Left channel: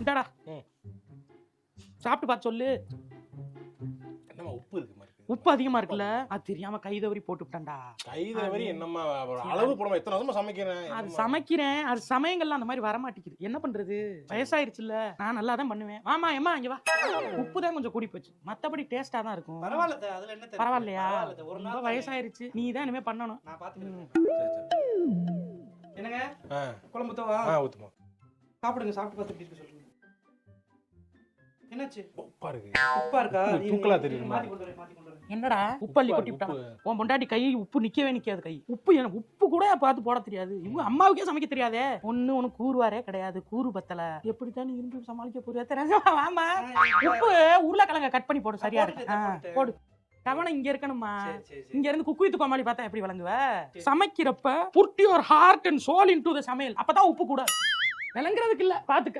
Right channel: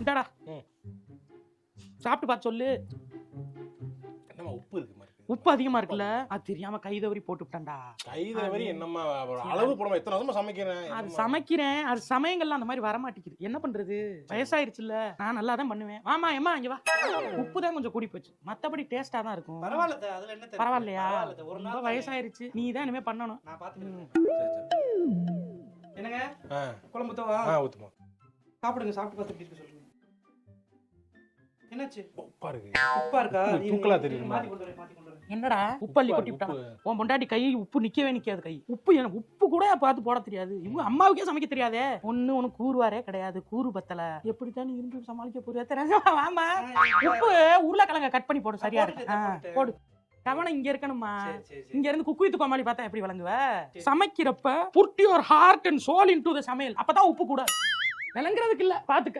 இந்தாடா சாப்பிட்டு பார்த்து சொல்லு. என்னம்மா உப்பு இருக்கு மாதிரி? உப்பு அதிகமா இருக்குல்ல, அது தெரியாம கை தவறி போட்டுட்டேன்டா. கை தவறி என்னம்மா அளவு போடாம எத்தனை வருஷமா சமைக்கிறேன். அது சமைக்கிறேன், அது சமயங்கள்லாம் அந்த மாதிரி வர மாட்டேங்குது. என்ன பண்றது, வயசாயிருச்சுல்ல. நான் நல்லா தான் பண்ணுவேன். வாமா ஏமா இங்க வா. உப்பு தான் கொஞ்சம் கூடி போச்சு, மத்தபடி டேஸ்டா தான் இருக்கும். பரவாயில்ல, அதுல என்ன தப்பு? பரவாயில்லையா? ஒரு ரொம்ப நாள் வயசாயிருச்சு, நீ தான் இனிமே பண்ணணும். நான் பாத்துக்கிறேன். குழம்பு ஊத்தவா? ஊத்துமா. சாப்பிடுங்க, சாப்பிட்டு பார்த்துட்டு சொல்லுங்க. என்னாச்சு? உப்பா இருக்கு. உப்பா இருக்கா? தூக்கலா தெரியுது. மாத்தி கொண்டு வரேன், மாத்தி கொண்டு வரேன். என்னடா உப்பள்ளி கொட்டி விட்டான் உன் பொண்டாட்டி. கை உப்பு நிக்கவே நிக்காது. கை உப்பு உப்பு கூட பார்த்து போட தெரியாது. இவங்க அம்மாவுக்கே சமைக்க தெரியாதே. ஒண்ணு உனக்கு கூறுவாரே கிடையாது, கூறு பத்தல. எப்படித்தான் நீ இருந்து சமாளிக்க போறியா தெரியாது. வாமா உப்பு உருளைக்கிழங்க கட் பண்ணி போடு, சரியா இருக்கு. போடு. கவனம் இங்க இருக்கணுமா. இங்க இருந்து குக்கு வித்து கோமாளி பார்த்தா எப்படி வழங்குவ? சமைக்கிறப்ப put your heart and soul into the சமையல். அப்பதான் உப்பு கூட விளங்குறதுக்கு இல்ல, பாத்துக்க.